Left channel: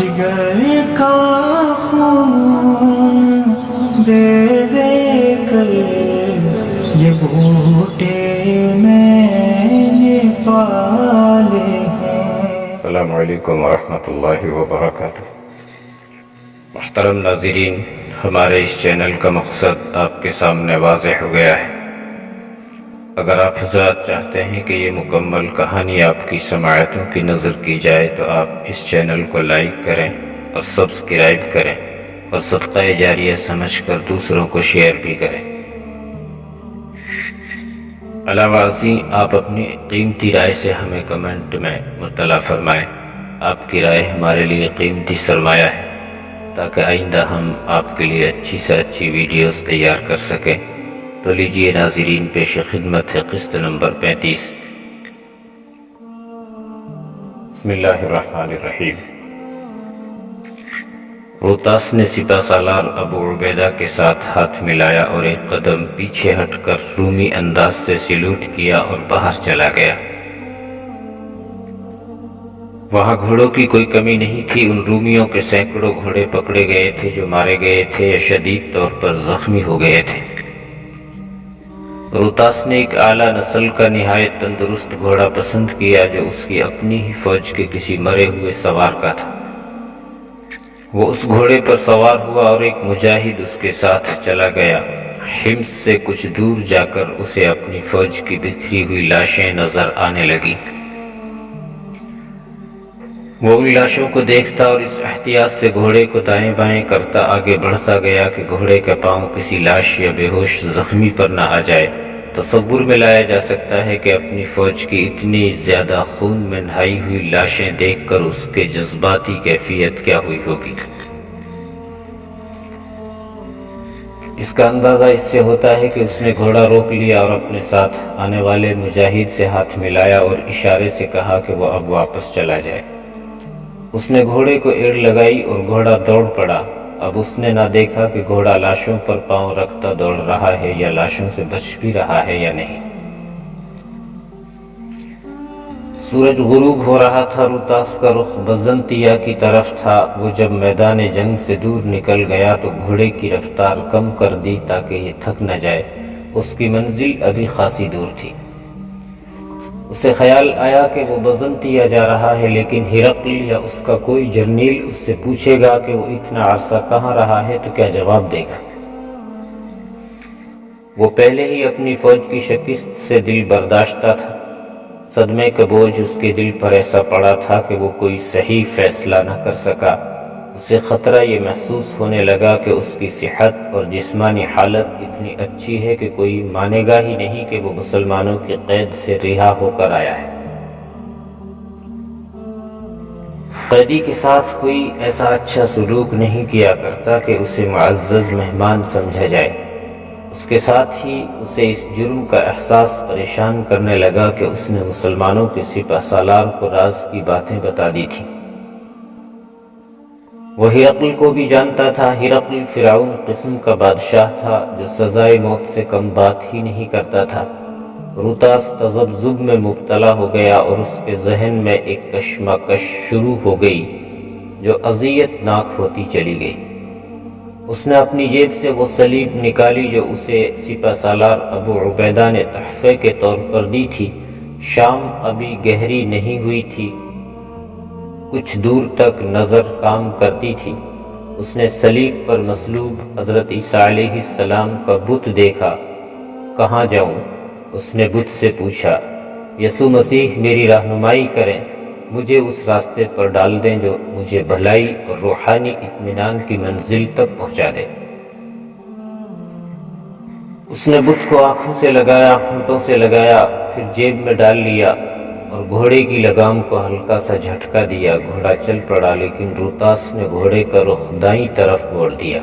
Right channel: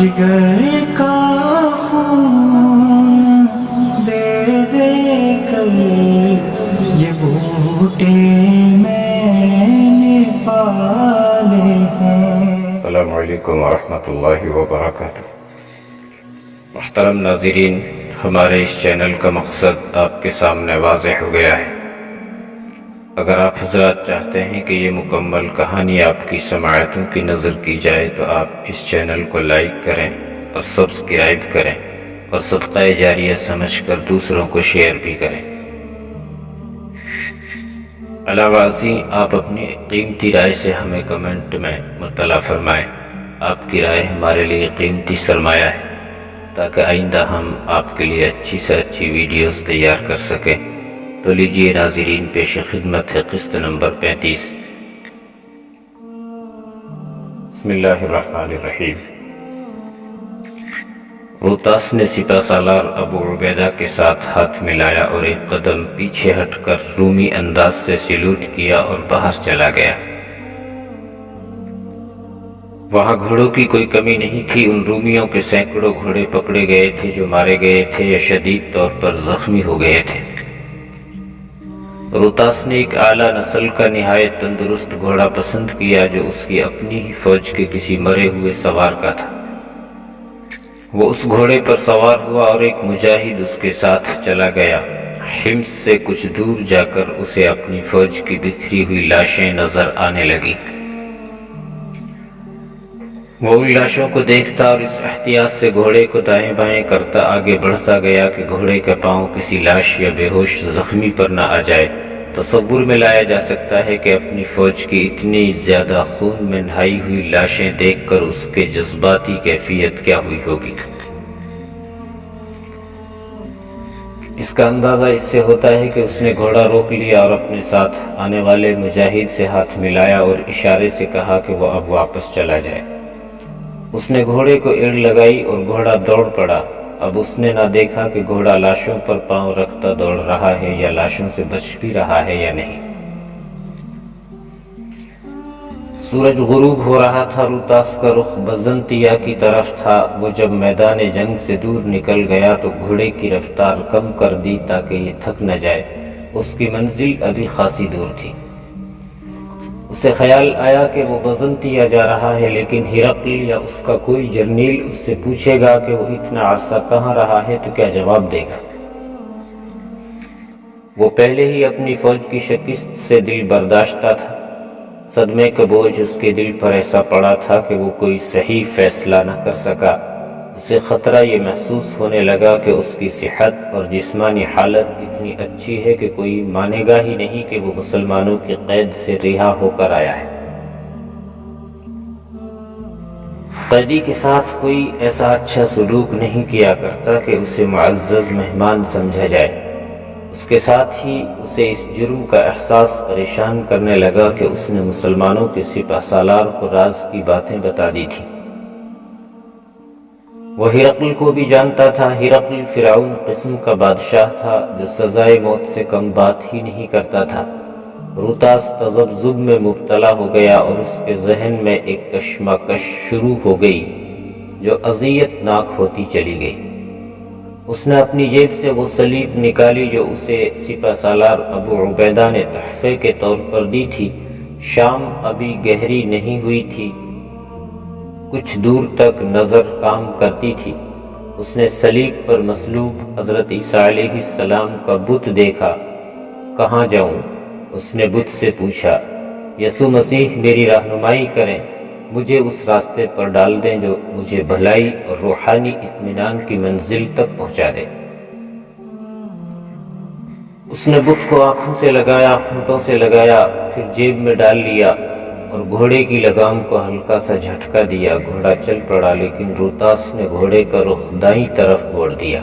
جگر کا خون دے دے کر یہ بوٹے میں نے پالے ہیں۔ السلام علیکم ورحمۃ اللہ وبرکاتہ۔ محترم ناظرین، ہمارے اس چینل کا مقصد آپ کے سامنے واضح ہو گیا ہے۔ اگر آپ حضرات چاہتے ہیں کہ یہ مکمل کہانی آپ کی سماعتوں کی نظر کی جائے تو آپ اس چینل کو لائک کریں اور سبسکرائب کریں اور صدقہ جاریہ سمجھ کر دوسروں کو شیئر بھی کریں۔ علاوہ ازیں آپ اپنی قیمتی رائے سے ہمیں کمنٹ میں مطلع فرمائیں۔ آپ کی رائے ہمارے لیے قیمتی سرمایہ ہے تاکہ آئندہ ہم آپ کے لیے اچھی سے اچھی ویڈیوز تیار کر سکیں۔ تو لیجئے ناظرین، پیش خدمت ہے قسط نمبر 35۔ بسم اللہ الرحمن الرحیم۔ روتاس نے سپہ سالار ابو عبیدہ کے ساتھ ہاتھ ملایا اور ایک قدم پیچھے ہٹ کر رومی انداز سے سلوٹ کیا اور باہر چلا گیا۔ وہاں گھوڑوں کی کوئی کمی نہیں تھی۔ ان رومیوں کے سینکڑوں گھوڑے پکڑے گئے تھے جو مارے گئے تھے یا شدید طور پر زخمی ہو گئے تھے۔ روتاس نے ایک اعلیٰ نسل کا نہایت تندرست گھوڑا پسند کیا جو اس کی اپنی ہی فوج کے کسی مرے ہوئے سوار کا تھا۔ وہ اس گھوڑے پر سوار ہوا اور ایک مجاہد اس کے ساتھ چلا گیا۔ حمص سے کچھ دور جا کر اسے اپنی فوج کی بکھری ہوئی لاشیں نظر آنے لگیں۔ وہ ان لاشوں کو دیکھتا اور اس احتیاط سے گھوڑے کو دائیں بائیں کرتا آگے بڑھتا گیا کہ گھوڑے کا پاؤں کسی لاش یا بے ہوش زخمی پر نہ آ جائے۔ تصور میں لایا جا سکتا ہے کہ اپنی فوج کی اتنی زیادہ خون میں نہائی ہوئی لاشیں دیکھ کر اس کے جذباتی کیفیت کیا ہوئی ہوگی۔ اس کا اندازہ اس سے ہوتا ہے کہ اس نے گھوڑا روک لیا اور اپنے ساتھ آنے والے مجاہد سے ہاتھ ملایا اور اشارے سے کہا کہ وہ اب واپس چلا جائے۔ اس نے گھوڑے کو ایڑ لگائی اور گھوڑا دوڑ پڑا۔ اب اس نے نہ دیکھا کہ گھوڑا لاشوں پر پاؤں رکھتا دوڑ رہا ہے یا لاشوں سے بچ بھی رہا ہے یا نہیں۔ سورج غروب ہو رہا تھا۔ روتاس کا رخ بزنطیہ کی طرف تھا۔ وہ جب میدان جنگ سے دور نکل گیا تو گھوڑے کی رفتار کم کر دی تاکہ یہ تھک نہ جائے۔ اس کی منزل ابھی خاصی دور تھی۔ اسے خیال آیا کہ وہ بزنطیہ جا رہا ہے، لیکن ہرقل یا اس کا کوئی جرنیل اس سے پوچھے گا کہ وہ اتنا عرصہ کہاں رہا ہے تو کیا جواب دے گا؟ وہ پہلے ہی اپنی فوج کی شکست سے دل برداشتہ تھا۔ صدمے کا بوجھ اس کے دل پر ایسا پڑا تھا کہ وہ کوئی صحیح فیصلہ نہ کر سکا۔ اسے خطرہ یہ محسوس ہونے لگا کہ اس کی صحت اور جسمانی حالت اتنی اچھی ہے کہ کوئی مانے گا ہی نہیں کہ وہ مسلمانوں کی قید سے رہا ہو کر آیا ہے۔ قیدی کے ساتھ کوئی ایسا اچھا سلوک نہیں کیا کرتا کہ اسے معزز مہمان سمجھا جائے۔ اس کے ساتھ ہی اسے اس جرم کا احساس پریشان کرنے لگا کہ اس نے مسلمانوں کے سپہ سالار کو راز کی باتیں بتا دی تھی۔ وہ ہرقل کو بھی جانتا تھا۔ ہرقل فرعون قسم کا بادشاہ تھا جو سزائے موت سے کم بات ہی نہیں کرتا تھا۔ روتاس تذبذب میں مبتلا ہو گیا اور اس کے ذہن میں ایک کشمکش شروع ہو گئی جو اذیت ناک ہوتی چلی گئی۔ اس نے اپنی جیب سے وہ سلیب نکالی جو اسے سپہ سالار ابو عبیدہ نے تحفے کے طور پر دی تھی۔ شام ابھی گہری نہیں ہوئی تھی، کچھ دور تک نظر کام کرتی تھی۔ اس نے سلیب پر مصلوب حضرت عیسیٰ علیہ السلام کا بت دیکھا۔ کہاں جاؤں؟ اس نے بت سے پوچھا۔ یسوع مسیح میری رہنمائی کریں، مجھے اس راستے پر ڈال دیں جو مجھے بھلائی اور روحانی اطمینان کی منزل تک پہنچا دے۔ اس نے بت کو آنکھوں سے لگایا، ہونٹوں سے لگایا، پھر جیب میں ڈال لیا اور گھوڑے کی لگام کو ہلکا سا جھٹکا دیا۔ گھوڑا چل پڑا، لیکن روتاس نے گھوڑے کا رخ دائیں طرف موڑ دیا۔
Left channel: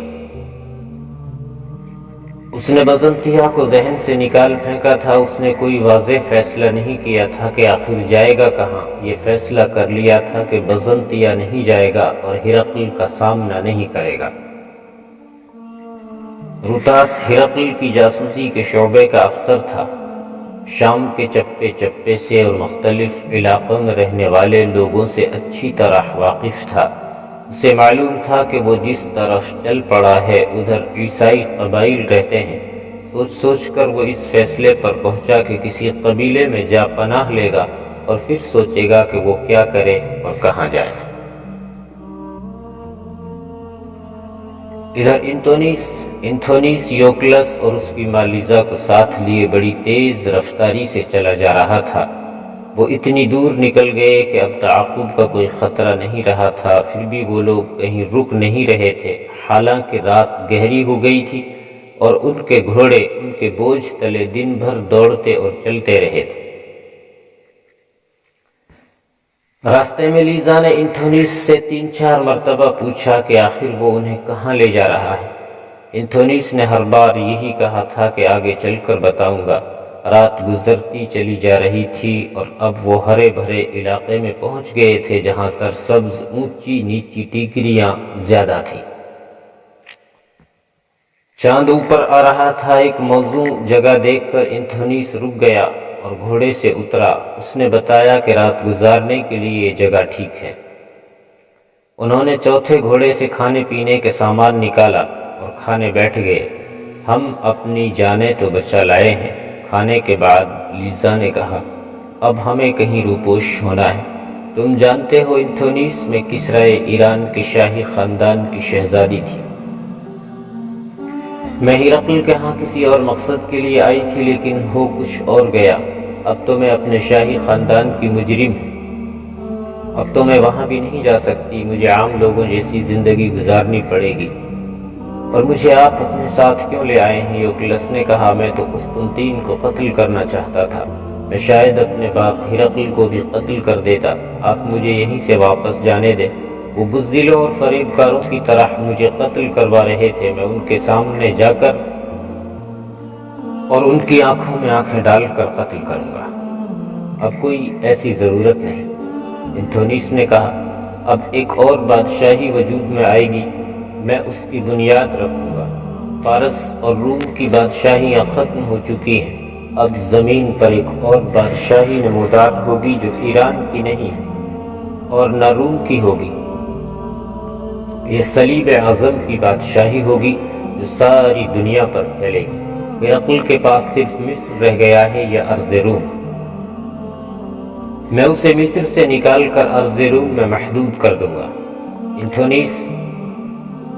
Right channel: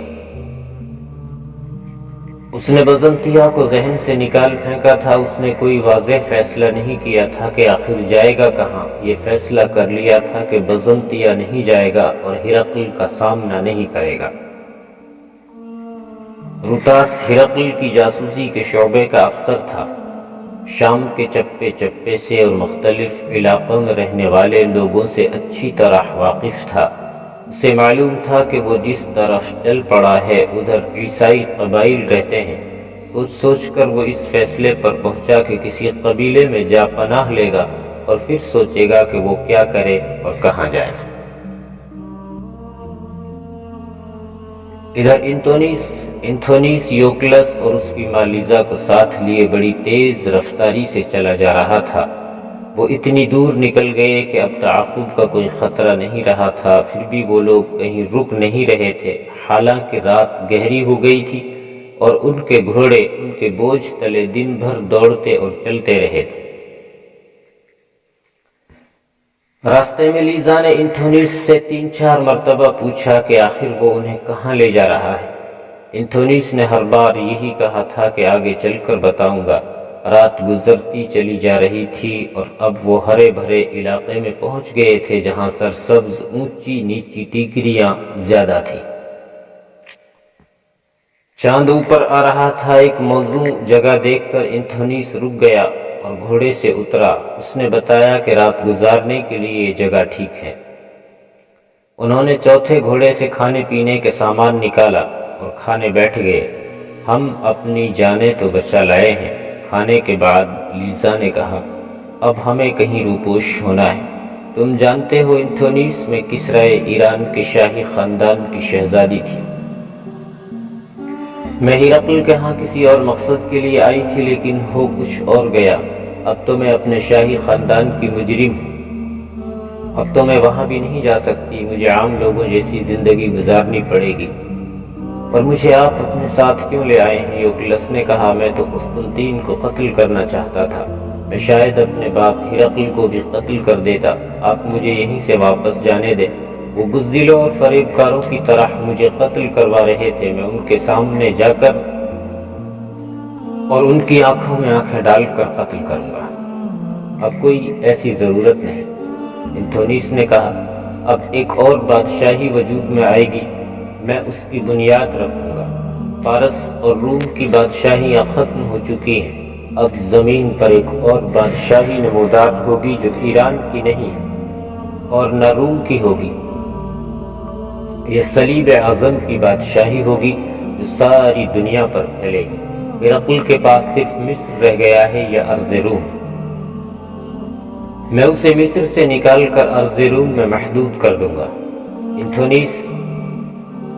اس نے بزنطیہ کو ذہن سے نکال پھینکا تھا۔ اس نے کوئی واضح فیصلہ نہیں کیا تھا کہ آخر جائے گا کہاں۔ یہ فیصلہ کر لیا تھا کہ بزنطیہ نہیں جائے گا اور ہرقل کا سامنا نہیں کرے گا۔ روتاس ہرقل کی جاسوسی کے شعبے کا افسر تھا۔ شام کے چپے چپے سے اور مختلف علاقوں میں رہنے والے لوگوں سے اچھی طرح واقف تھا۔ اسے معلوم تھا کہ وہ جس طرف چل پڑا ہے ادھر عیسائی قبائل رہتے ہیں۔ سوچ سوچ کر وہ اس فیصلے پر پہنچا کہ کسی قبیلے میں جا پناہ لے گا اور پھر سوچے گا کہ وہ کیا کرے اور کہاں جائے۔ ادھر انتھونیس یوکلس اور اس کی ماں لیزا کو ساتھ لیے بڑی تیز رفتاری سے چلا جا رہا تھا۔ وہ اتنی دور نکل گئے کہ اب تعاقب کا کوئی خطرہ نہیں رہا تھا، پھر بھی وہ لوگ کہیں رک نہیں رہے تھے، حالانکہ رات گہری ہو گئی تھی اور ان کے گھوڑے ان کے بوجھ تلے دن بھر دوڑتے اور چلتے رہے تھے۔ راستے میں لیزا نے انتھونیس سے 3-4 مرتبہ پوچھا کہ آخر وہ انہیں کہاں لے جا رہا ہے۔ انتھونیس نے ہر بار یہی کہا تھا کہ آگے چل کر بتاؤں گا۔ رات گزرتی چلی جا رہی تھی اور اب وہ ہرے بھرے علاقے میں پہنچ گئے تھے جہاں سرسبز اونچی نیچی ٹیکریاں زیادہ تھیں۔ چاند اوپر آ رہا تھا۔ ایک موزوں جگہ دیکھ کر انتھونیس رک گیا اور گھوڑے سے اترا۔ اس نے بتایا کہ رات گزارنے کے لیے یہ جگہ ٹھیک ہے۔ انہوں نے چوتھے گھوڑے سے کھانے پینے کے سامان نکالا اور کھانے بیٹھ گئے۔ ہم اپنی جانیں تو بچا لائے ہیں۔ کھانے کے بعد لیزا نے کہا، اب ہمیں کہیں روپوش ہونا ہے۔ تم جانتے ہو انتھونیس، میں کسرائے ایران کے شاہی خاندان کی شہزادی تھی۔ میں ہرقل کے ہاں کسی اور مقصد کے لیے آئی تھی، لیکن ہو کچھ اور گیا۔ اب تو میں اپنے شاہی خاندان کی مجرم ہوں۔ اب تو میں وہاں بھی نہیں جا سکتی، مجھے عام لوگوں جیسی زندگی گزارنی پڑے گی۔ اور مجھے آپ اپنے ساتھ کیوں لے آئے ہیں؟ یوکلس نے کہا، میں تو قسطنطین کو قتل کرنا چاہتا تھا۔ میں شاید اپنے باپ ہرقل کو بھی قتل کر دیتا۔ آپ مجھے یہیں سے واپس جانے دیں۔ وہ بزدلوں اور فریب کاروں کی طرح مجھے قتل کروا رہے تھے۔ میں ان کے سامنے جا کر اور ان کی آنکھوں میں آنکھیں ڈال کر قتل کروں گا۔ اب کوئی ایسی ضرورت نہیں۔ انتھونیس نے کہا، اب ایک اور بادشاہی وجود میں آئے گی، میں اس کی بنیاد رکھوں گا۔ فارس اور روم کی بادشاہیاں ختم ہو چکی ہیں۔ اب زمین پر ایک اور بادشاہی نمودار ہوگی جو ایران کی نہیں اور نہ روم کی ہوگی۔ یہ صلیب اعظم کی بادشاہی ہوگی جو ساری دنیا پر پھیلے گی۔ ہرقل کے پاس صرف مصر رہ گیا ہے یا ارض روم۔ میں اسے مصر سے نکال کر ارض روم میں محدود کر دوں گا۔ انتھونیس،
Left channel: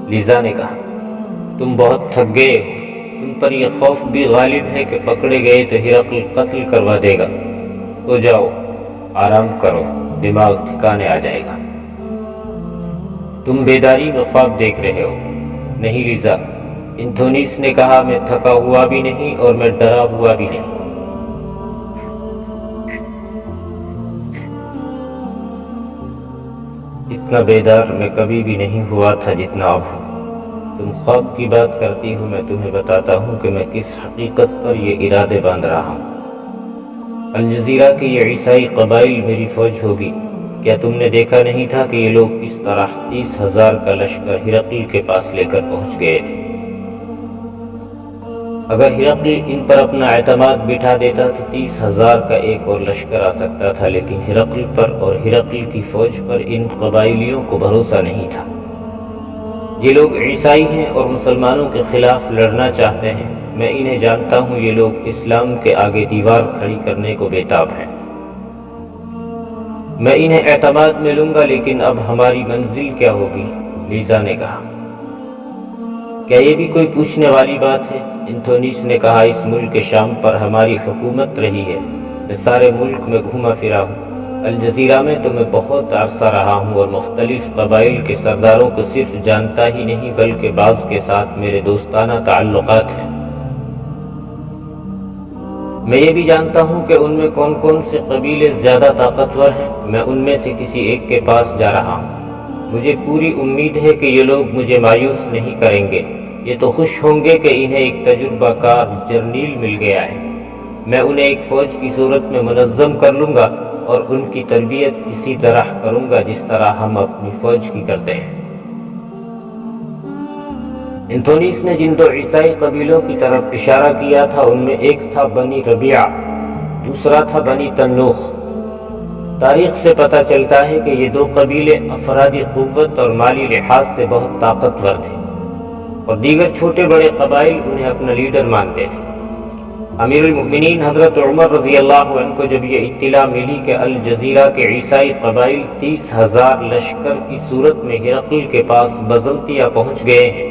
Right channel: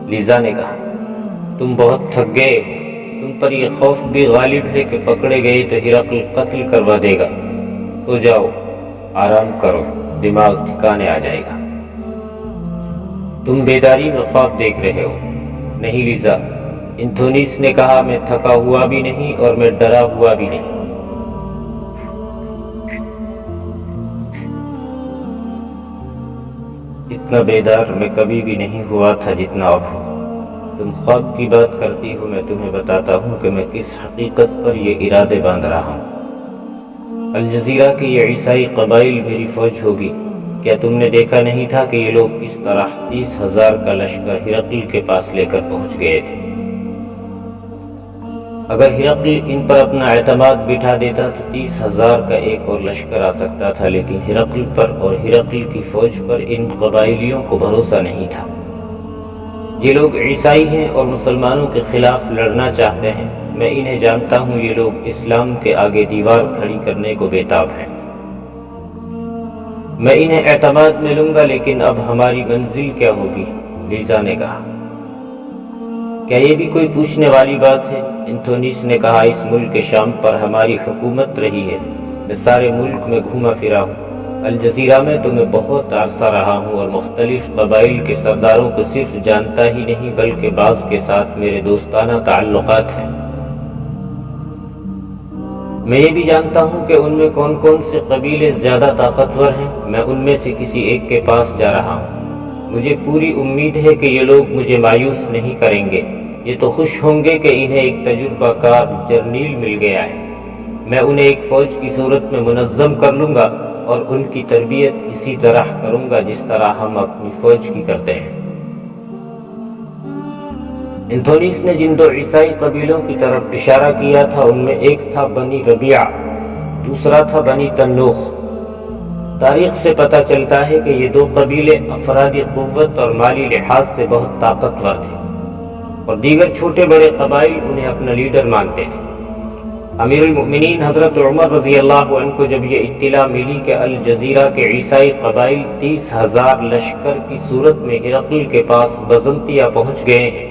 لیزا نے کہا، تم بہت تھک گئے ہو۔ تم پر یہ خوف بھی غالب ہے کہ پکڑے گئے تو ہرقل قتل کروا دے گا۔ سو جاؤ، آرام کرو، دماغ ٹھکانے آ جائے گا۔ تم بیداری میں خواب دیکھ رہے ہو۔ نہیں لیزا، انتھونیس نے کہا، میں تھکا ہوا بھی نہیں اور میں ڈرا ہوا بھی نہیں۔ اتنا بیدار میں کبھی بھی نہیں ہوا تھا جتنا اب ہوں۔ تم خواب کی بات کرتی ہو، میں تمہیں بتاتا ہوں کہ میں کس حقیقت پر یہ ارادے باندھ رہا ہوں۔ الجزیرہ کے یہ عیسائی قبائل میری فوج ہوگی۔ کیا تم نے دیکھا نہیں تھا کہ یہ لوگ کس طرح 30,000 کا لشکر ہرقل کے پاس لے کر پہنچ گئے تھے؟ اگر ہرقل ان پر اپنا اعتماد بٹھا دیتا تو 30,000 کا ایک اور لشکر آ سکتا تھا، لیکن ہرقل پر اور ہرقل کی فوج پر ان قبائلیوں کو بھروسہ نہیں تھا۔ یہ لوگ عیسائی ہیں اور مسلمانوں کے خلاف لڑنا چاہتے ہیں۔ میں انہیں جانتا ہوں، یہ لوگ اسلام کے آگے دیوار کھڑی کرنے کو بےتاب ہیں۔ میں انہیں اعتماد میں لوں گا، لیکن اب ہماری منزل کیا ہوگی؟ لیزا نے کہا۔ کیا یہ بھی کوئی پوچھنے والی بات ہے؟ انتھونیس نے کہا، اس ملک شام پر ہماری حکومت رہی ہے۔ میں سارے ملک میں گھوما پھرا ہوں۔ الجزیرہ میں تو میں بہت عرصہ رہا ہوں اور مختلف قبائل کے سرداروں کو صرف جانتا ہی نہیں بلکہ بعض کے ساتھ میرے دوستانہ تعلقات ہیں۔ میں یہ بھی جانتا ہوں کہ ان میں کون کون سے قبیلے زیادہ طاقتور ہیں۔ میں ان میں سے کسی ایک کے پاس جا رہا ہوں۔ مجھے پوری امید ہے کہ یہ لوگ مجھے مایوس نہیں کریں گے۔ یہ تو خوش ہوں گے کہ انہیں ایک تجربہ کار جرنیل مل گیا ہے۔ میں انہیں ایک فوج کی صورت میں منظم کر لوں گا اور ان کی تربیت اسی طرح کروں گا جس طرح ہم اپنی فوج کی کرتے ہیں۔ انتھونیس نے جن 2 عیسائی قبیلوں کی طرف اشارہ کیا تھا ان میں ایک تھا بنی ربیعہ، دوسرا تھا بنی تنوخ۔ تاریخ سے پتہ چلتا ہے کہ یہ دو قبیلے افرادی قوت اور مالی لحاظ سے بہت طاقتور تھے اور دیگر چھوٹے بڑے قبائل انہیں اپنا لیڈر مانتے تھے۔ امیر المؤمنین حضرت عمر رضی اللہ عنہ کو جب یہ اطلاع ملی کہ الجزیرہ کے عیسائی قبائل 30,000 لشکر کی صورت میں ہرقل کے پاس بزنطیہ پہنچ گئے ہیں،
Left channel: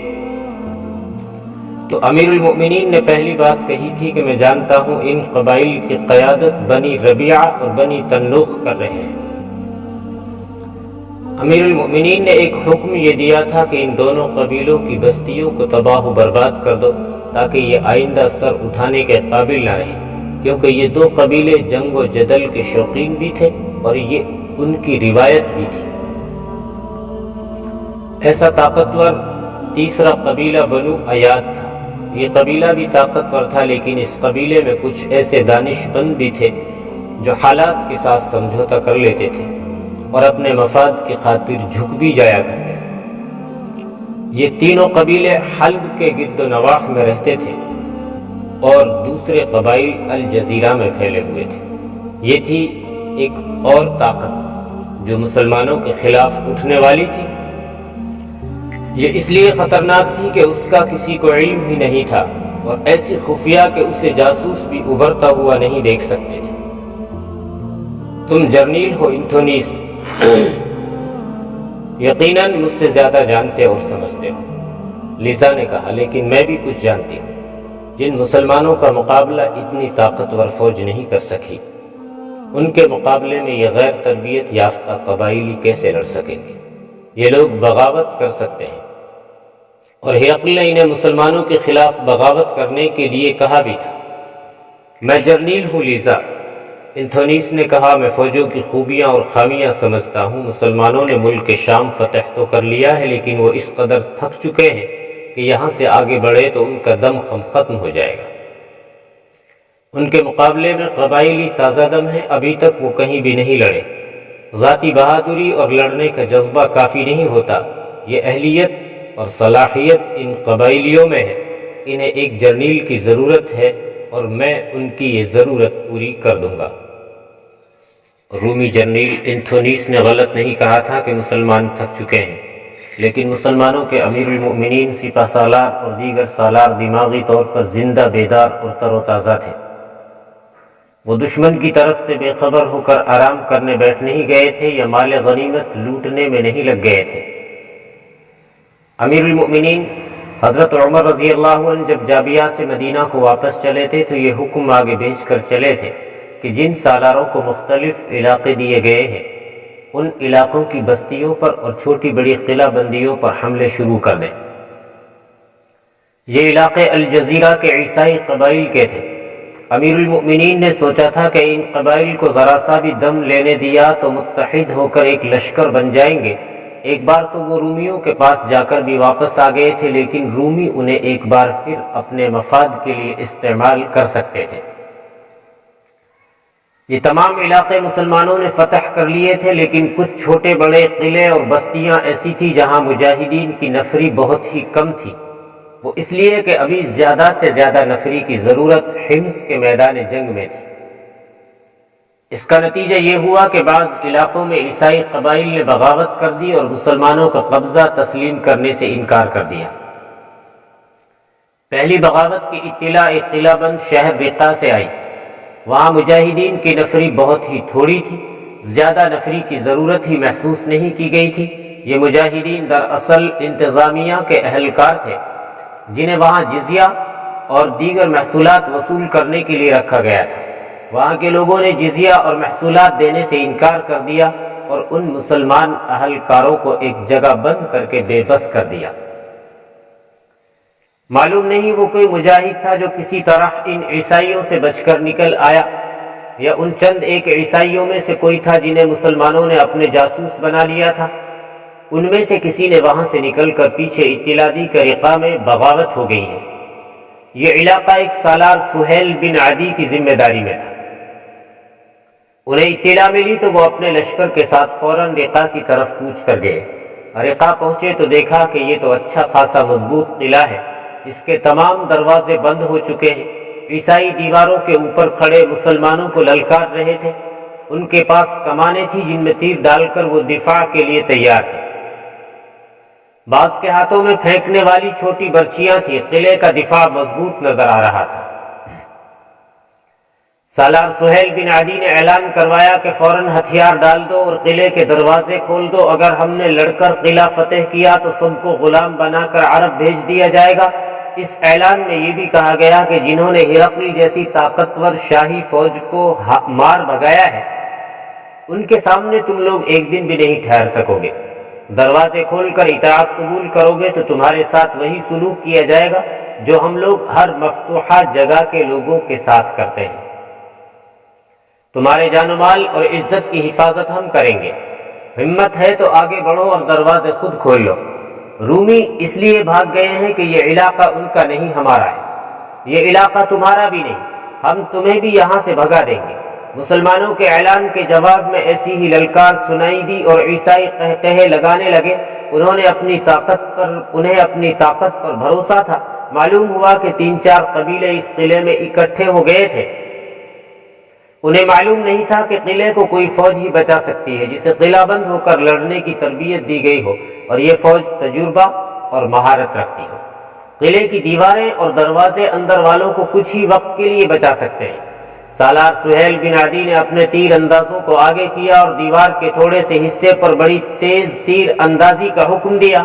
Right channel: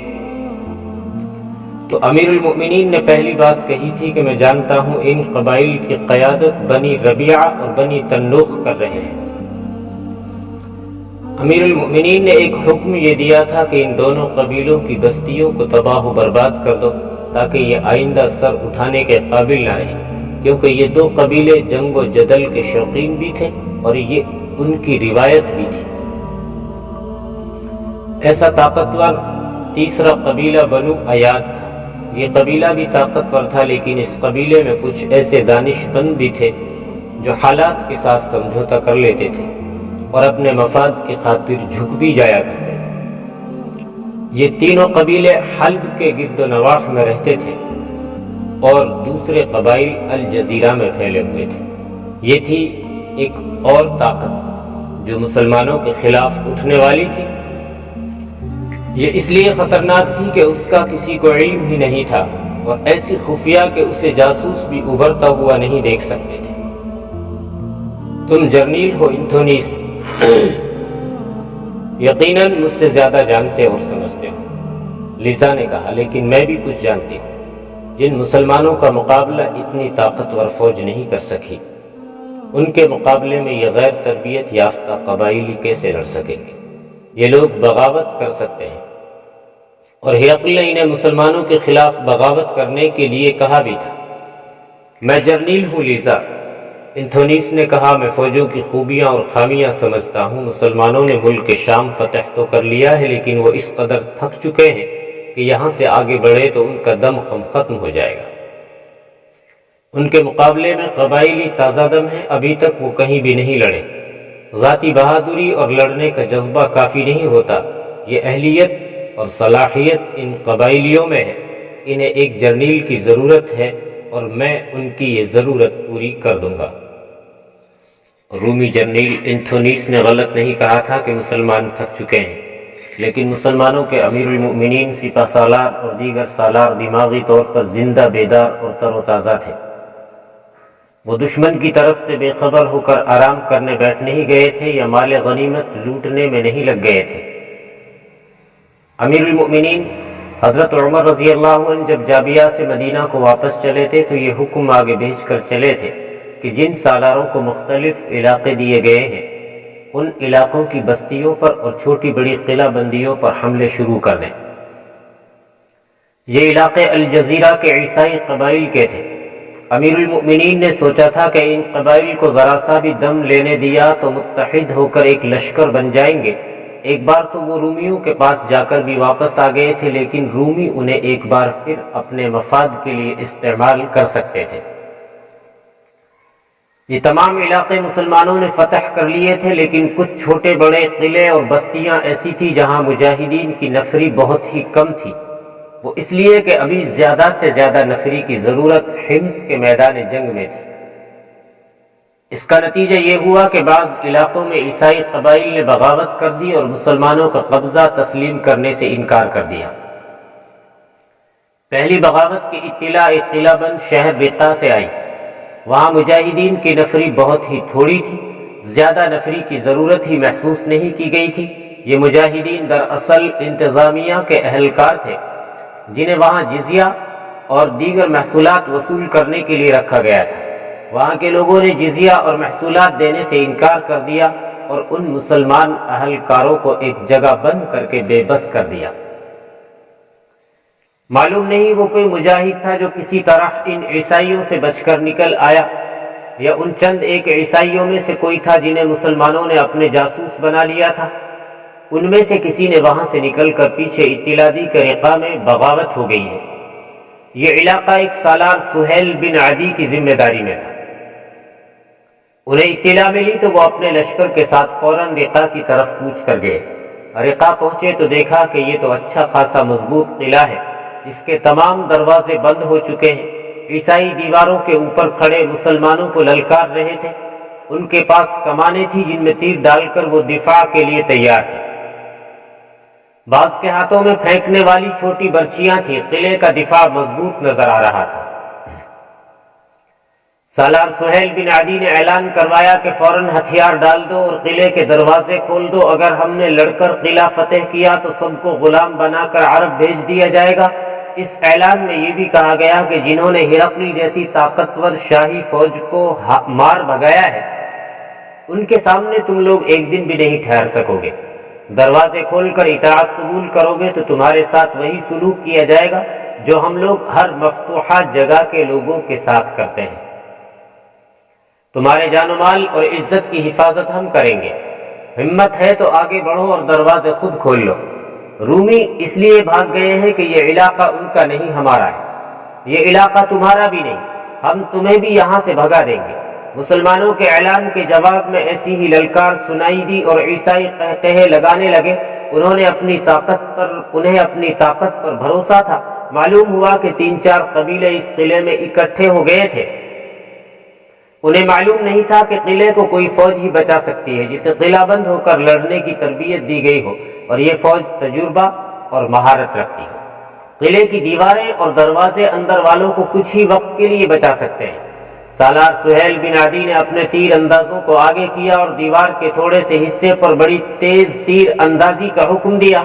تو امیر المؤمنین نے پہلی بات کہی تھی کہ میں جانتا ہوں ان قبائل کی قیادت بنی ربیعہ اور بنی تنوخ کر رہے ہیں۔ امیر المؤمنین نے ایک حکم یہ دیا تھا کہ ان دونوں قبیلوں کی بستیوں کو تباہ و برباد کر دو تاکہ یہ آئندہ سر اٹھانے کے قابل نہ رہے، کیونکہ یہ دو قبیلے جنگ و جدل کے شوقین بھی تھے اور یہ ان کی روایت بھی تھی۔ ایسا طاقتور تیسرا قبیلہ بنو ایاد تھا۔ یہ قبیلہ بھی طاقتور تھا، لیکن اس قبیلے میں کچھ ایسے دانش مند بھی تھے جو حالات کے ساتھ سمجھوتا کر لیتے تھے اور اپنے مفاد کی خاطر جھک بھی جایا کرتے تھے۔ یہ تینوں قبیلے حلب کے گرد و نواح میں رہتے تھے اور دوسرے قبائل الجزیرہ میں پھیلے ہوئے تھے۔ یہ تھی ایک اور طاقت جو مسلمانوں کے خلاف اٹھنے والی تھی۔ یہ اس لیے خطرناک تھی کہ اس کا کسی کو علم ہی نہیں تھا اور ایسی خفیہ کہ اسے جاسوس بھی ابھرتا ہوا نہیں دیکھ سکتے تھے۔ تم جرنیل ہو انتھونیس، یقیناً مجھ سے زیادہ جانتے اور سمجھتے ہو، لیزا نے کہا، لیکن میں بھی کچھ جانتی ہوں۔ جن مسلمانوں کا مقابلہ اتنی طاقتور فوج نہیں کر سکی، ان کے مقابلے میں یہ غیر تربیت یافتہ قبائلی کیسے لڑ سکیں گے؟ یہ لوگ بغاوت کر سکتے ہیں، اور ہرقل نے انہیں مسلمانوں کے خلاف بغاوت کرنے کے لیے کہا بھی تھا۔ میں جرنیل ہوں لیزا، انتھونیس نے کہا، میں فوجوں کی خوبیاں اور خامیاں سمجھتا ہوں۔ مسلمانوں نے ملک شام فتح تو کر لیا ہے، لیکن وہ اس قدر تھک چکے ہیں کہ یہاں سے آگے بڑھے تو ان کا دم ختم ہو جائے گا۔ ان کے مقابلے میں قبائلی تازہ دم ہیں، ابھی تک وہ کہیں بھی نہیں لڑے۔ ذاتی بہادری اور لڑنے کا جذبہ کافی نہیں ہوتا، یہ اہلیت اور صلاحیت ان قبائلیوں میں ہے۔ انہیں ایک جرنیل کی ضرورت ہے اور میں ان کی یہ ضرورت پوری کر دوں گا۔ رومی جرنیل انتھونیس نے غلط نہیں کہا تھا کہ مسلمان تھک چکے ہیں، لیکن مسلمانوں کے امیر المؤمنین سپہ سالار اور دیگر سالار دماغی طور پر زندہ بیدار اور تر و تازہ تھے۔ وہ دشمن کی طرف سے بے خبر ہو کر آرام کرنے بیٹھ نہیں گئے تھے یا مال غنیمت لوٹنے میں نہیں لگ گئے تھے۔ امیر المؤمنین حضرت عمر رضی اللہ عنہ جب جابیہ سے مدینہ کو واپس چلے تھے تو یہ حکم آگے بھیج کر چلے تھے کہ جن سالاروں کو مختلف علاقے دیے گئے ہیں، ان علاقوں کی بستیوں پر اور چھوٹی بڑی قلعہ بندیوں پر حملے شروع کر دیں۔ یہ علاقے الجزیرہ کے عیسائی قبائل کے تھے۔ امیر المؤمنین نے سوچا تھا کہ ان قبائل کو ذرا سا بھی دم لینے دیا تو متحد ہو کر ایک لشکر بن جائیں گے۔ ایک بار تو وہ رومیوں کے پاس جا کر بھی واپس آ گئے تھے، لیکن رومی انہیں ایک بار پھر اپنے مفاد کے لیے استعمال کر سکتے تھے۔ یہ تمام علاقے مسلمانوں نے فتح کر لیے تھے، لیکن کچھ چھوٹے بڑے قلعے اور بستیاں ایسی تھیں جہاں مجاہدین کی نفری بہت ہی کم تھی۔ وہ اس لیے کہ ابھی زیادہ سے زیادہ نفری کی ضرورت حمص کے میدان جنگ میں تھی۔ اس کا نتیجہ یہ ہوا کہ بعض علاقوں میں عیسائی قبائل نے بغاوت کر دی اور مسلمانوں کا قبضہ تسلیم کرنے سے انکار کر دیا۔ پہلی بغاوت کی اطلاع ایک قلعہ بند شہر رقہ سے آئی۔ وہاں مجاہدین کی نفری بہت ہی تھوڑی تھی، زیادہ نفری کی ضرورت ہی محسوس نہیں کی گئی تھی۔ یہ مجاہدین دراصل انتظامیہ کے اہلکار تھے جنہیں وہاں جزیہ اور دیگر محصولات وصول کرنے کے لیے رکھا گیا تھا۔ وہاں کے لوگوں نے جزیہ اور محصولات دینے سے انکار کر دیا اور ان مسلمان اہلکاروں کو ایک جگہ بند کر کے بے بس کر دیا۔ معلوم نہیں وہ کوئی مجاہد تھا جو کسی طرح ان عیسائیوں سے بچ کر نکل آیا، یا ان چند ایک عیسائیوں میں سے کوئی تھا جنہیں مسلمانوں نے اپنے جاسوس بنا لیا تھا۔ ان میں سے کسی نے وہاں سے نکل کر پیچھے اطلاع دی کہ رقہ میں بغاوت ہو گئی ہے۔ یہ علاقہ ایک سالار سہیل بن عدی کی ذمہ داری میں تھا۔ انہیں اطلاع ملی تو وہ اپنے لشکر کے ساتھ فوراً رقہ کی طرف کوچ کر گئے۔ رقہ پہنچے تو دیکھا کہ یہ تو اچھا خاصا مضبوط قلعہ ہے جس کے تمام دروازے بند ہو چکے ہیں۔ عیسائی دیواروں کے اوپر کھڑے مسلمانوں کو للکار رہے تھے۔ ان کے پاس کمانیں تھیں جن میں تیر ڈال کر وہ دفاع کے لیے تیار تھے۔ بعض کے ہاتھوں میں پھینکنے والی چھوٹی برچیاں تھیں۔ قلعے کا دفاع مضبوط نظر آ رہا تھا۔ سالار سہیل بن عدی نے اعلان کروایا کہ فوراً ہتھیار ڈال دو اور قلعے کے دروازے کھول دو۔ اگر ہم نے لڑ کر قلعہ فتح کیا تو سب کو غلام بنا کر عرب بھیج دیا جائے گا۔ اس اعلان میں یہ بھی کہا گیا کہ جنہوں نے ہرقل جیسی طاقتور شاہی فوج کو مار بھگایا ہے، ان کے سامنے تم لوگ ایک دن بھی نہیں ٹھہر سکو گے۔ دروازے کھول کر اطاعت قبول کرو گے تو تمہارے ساتھ وہی سلوک کیا جائے گا جو ہم لوگ ہر مفتوحہ جگہ کے لوگوں کے ساتھ کرتے ہیں۔ تمہارے جان و مال اور عزت کی حفاظت ہم کریں گے۔ ہمت ہے تو آگے بڑھو اور دروازے خود کھول لو۔ رومی اس لیے بھاگ گئے ہیں کہ یہ علاقہ ان کا نہیں، ہمارا ہے۔ یہ علاقہ تمہارا بھی نہیں، ہم تمہیں بھی یہاں سے بھگا دیں گے۔ مسلمانوں کے اعلان کے جواب میں ایسی ہی للکار سنائی دی اور عیسائی قہقہے لگانے لگے۔ انہیں اپنی طاقت پر بھروسہ تھا۔ معلوم ہوا کہ 3-4 قبیلے اس قلعے میں اکٹھے ہو گئے تھے۔ انہیں معلوم نہیں تھا کہ قلعے کو کوئی فوج ہی بچا سکتی ہے جسے قلعہ بند ہو کر لڑنے کی تربیت دی گئی ہو اور یہ فوج تجربہ اور مہارت رکھتی ہو۔ قلعے کی دیواریں اور دروازے اندر والوں کو کچھ ہی وقت کے لیے بچا سکتے ہیں۔ سالار سہیل بن عدی نے اپنے تیر اندازوں کو آگے کیا اور دیوار کے تھوڑے سے حصے پر بڑی تیز تیر اندازی کا حکم دیا۔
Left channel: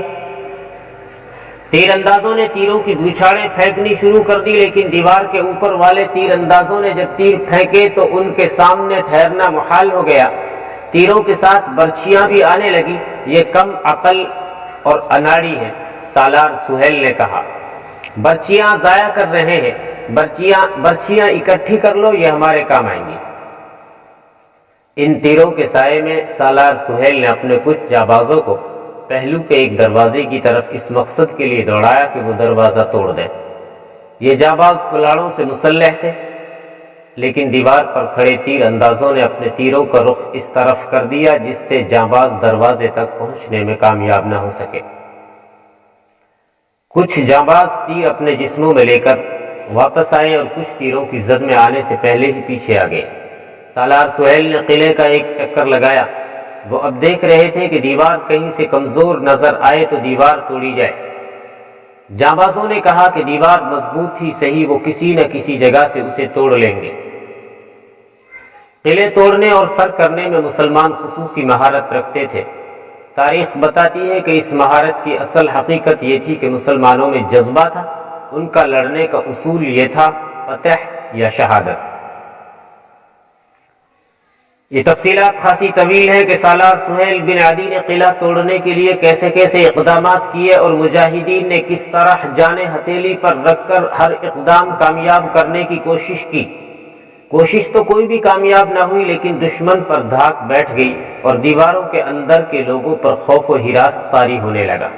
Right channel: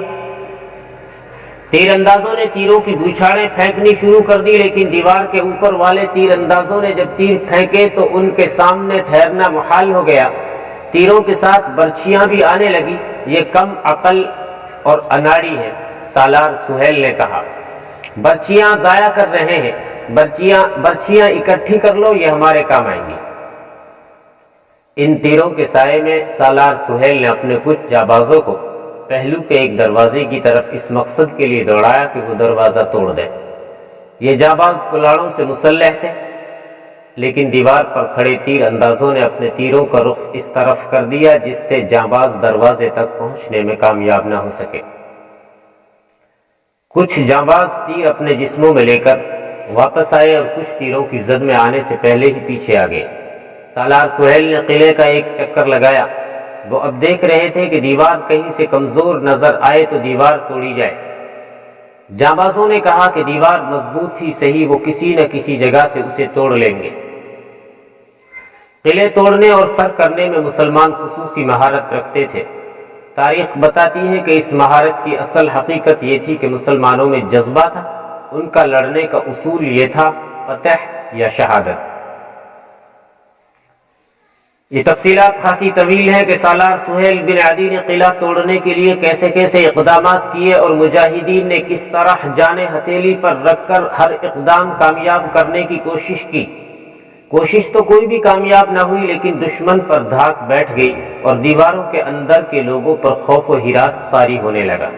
تیر اندازوں نے تیروں کی بوچھاڑیں پھینکنی شروع کر دی، لیکن دیوار کے اوپر والے تیر اندازوں نے جب تیر پھینکے تو ان کے سامنے ٹھہرنا محال ہو گیا۔ تیروں کے ساتھ برچیاں بھی آنے لگی۔ یہ کم عقل اور اناڑی ہے، سالار سہیل نے کہا۔ برچیاں ضائع کر رہے ہیں، برچیاں اکٹھی کر لو، یہ ہمارے کام آئیں گی۔ ان تیروں کے سائے میں سالار سہیل نے اپنے کچھ جانبازوں کو پہلو کے ایک دروازے کی طرف اس مقصد کے لیے دوڑایا کہ وہ دروازہ توڑ دیں۔ یہ جانباز کلاڑوں سے مسلح تھے، لیکن دیوار پر کھڑے تیر اندازوں نے اپنے تیروں کا رخ اس طرف کر دیا جس سے جانباز دروازے تک پہنچنے میں کامیاب نہ ہو سکے۔ کچھ جانباز تیر اپنے جسموں میں لے کر واپس آئے اور کچھ تیروں کی زد میں آنے سے پہلے ہی پیچھے آ گئے۔ سالار سہیل نے قلعے کا ایک چکر لگایا۔ وہ اب دیکھ رہے تھے کہ دیوار کہیں سے کمزور نظر آئے تو دیوار توڑی جائے۔ جانبازوں نے کہا کہ دیوار مضبوط ہی صحیح، وہ کسی نہ کسی جگہ سے اسے توڑ لیں گے۔ قلعے توڑنے اور سر کرنے میں مسلمان خصوصی مہارت رکھتے تھے۔ تاریخ بتاتی ہے کہ اس مہارت کی اصل حقیقت یہ تھی کہ مسلمانوں میں جذبہ تھا۔ ان کا لڑنے کا اصول یہ تھا، فتح یا شہادت۔ یہ تفصیلات خاصی طویل ہے کہ سالار سہیل بن عدی نے قلعہ توڑنے کے لیے کیسے کیسے اقدامات کیے اور مجاہدین نے کس طرح جانیں ہتھیلی پر رکھ کر ہر اقدام کامیاب کرنے کی کوشش کی۔ کوشش تو کوئی بھی کامیاب نہ ہوئی، لیکن دشمن پر دھاک بیٹھ گئی اور دیواروں کے اندر کے لوگوں پر خوف و ہراس طاری ہونے لگا۔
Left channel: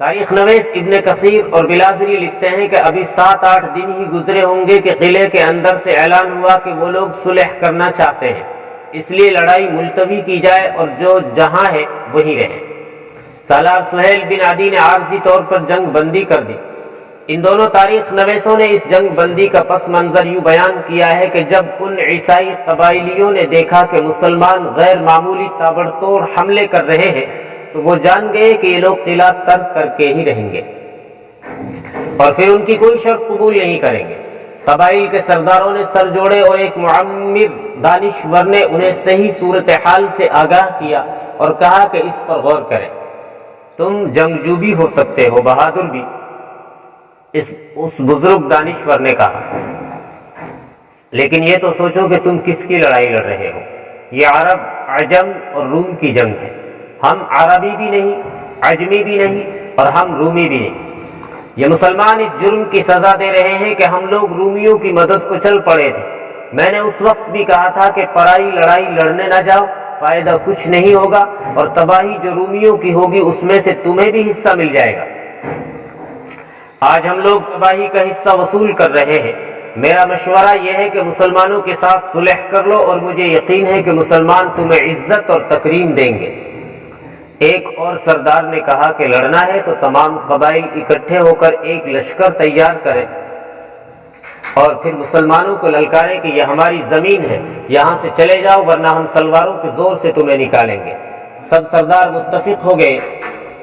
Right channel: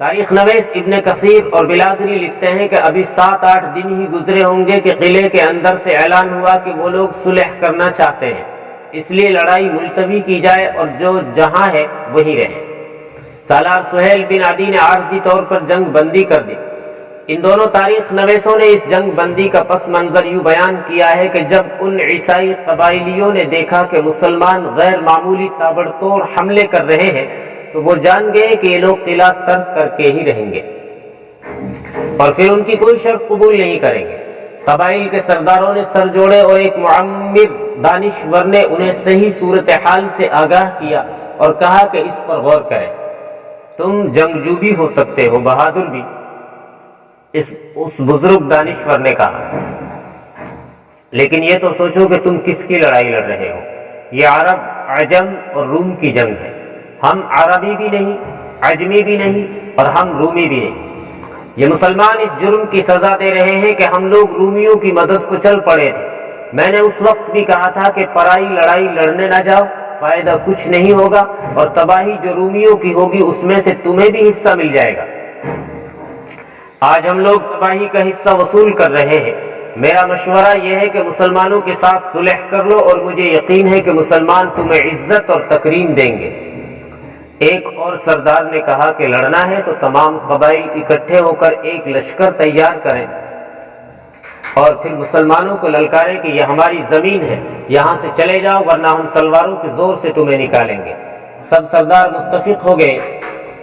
تاریخ نویس ابن کثیر اور بلازری لکھتے ہیں کہ ابھی 7-8 دن ہی گزرے ہوں گے کہ قلعے کے اندر سے اعلان ہوا کہ وہ لوگ صلح کرنا چاہتے ہیں، اس لیے لڑائی ملتوی کی جائے اور جو جہاں ہے وہیں رہے۔ سالار سہیل بن عدی نے عارضی طور پر جنگ بندی کر دی۔ ان دونوں تاریخ نویسوں نے اس جنگ بندی کا پس منظر یوں بیان کیا ہے کہ جب ان عیسائی قبائلیوں نے دیکھا کہ مسلمان غیر معمولی تابڑتوڑ حملے کر رہے ہیں تو وہ جان گئے کہ یہ لوگ قلعہ سر کر کے ہی رہیں گے اور پھر ان کی کوئی شرط قبول نہیں کریں گے۔ قبائل کے سرداروں نے سر جوڑے اور ایک معمر دانشور نے انہیں صحیح صورتحال سے آگاہ کیا اور کہا کہ اس پر غور کریں۔ تم جنگجو بھی ہو سکتے ہو، بہادر بھی، اس بزرگ دانشور نے کہا، لیکن یہ تو سوچو کہ تم کس کی لڑائی لڑ رہے ہو۔ یہ عرب، عجم اور روم کی جنگ ہے۔ ہم عربی بھی نہیں، عجمی بھی نہیں اور ہم رومی بھی نہیں۔ یہ مسلمان اس جرم کی سزا دے رہے ہیں کہ ہم لوگ رومیوں کی مدد کو چل پڑے تھے۔ میں نے اس وقت بھی کہا تھا کہ پرائی لڑائی لڑنے نہ جاؤ، فائدہ کچھ نہیں ہوگا اور تباہی جو رومیوں کی ہوگی اس میں سے تمہیں بھی حصہ مل جائے گا۔ آج ہم لوگ تباہی کا حصہ وصول کر رہے ہیں۔ میرا مشورہ یہ ہے کہ مسلمانوں کے ساتھ صلح کر لو اور مجھے یقین ہے کہ مسلمان تمہیں عزت اور تکریم دیں گے۔ ایک اور سردار نے کہا کہ لڑنا ہے تو تمام قبائل اکٹھے ہو کر ایک لشکر تیار کریں اور پھر مسلمانوں کو للکارے کہ یہ ہماری زمین ہے، یہاں سے چلے جاؤ ورنہ ہم تلواروں کے زور سے تمہیں نکالیں گے۔ سب سردار متفق ہو گئے۔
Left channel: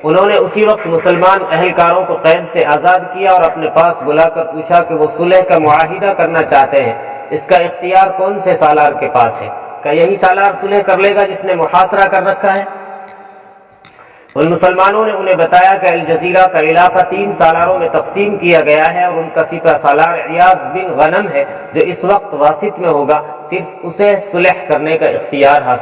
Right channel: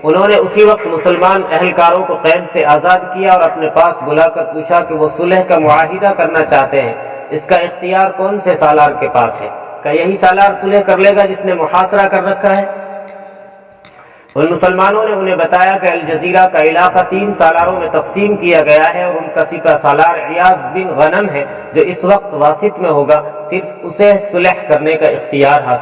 انہوں نے اسی وقت مسلمان اہلکاروں کو قید سے آزاد کیا اور اپنے پاس بلا کر پوچھا کہ وہ صلح کا معاہدہ کرنا چاہتے ہیں، اس کا اختیار کون سے سالار کے پاس ہے؟ کیا یہی سالار صلح کر لے گا جس نے محاصرہ کر رکھا ہے؟ ان مسلمانوں نے انہیں بتایا کہ الجزیرہ کا علاقہ 3 سالاروں میں تقسیم کیا گیا ہے اور ان کا سپہ سالار عیاض بن غنم ہے جو اس وقت واسط میں ہوگا، صرف اسے صلح کرنے کا اختیار حاصل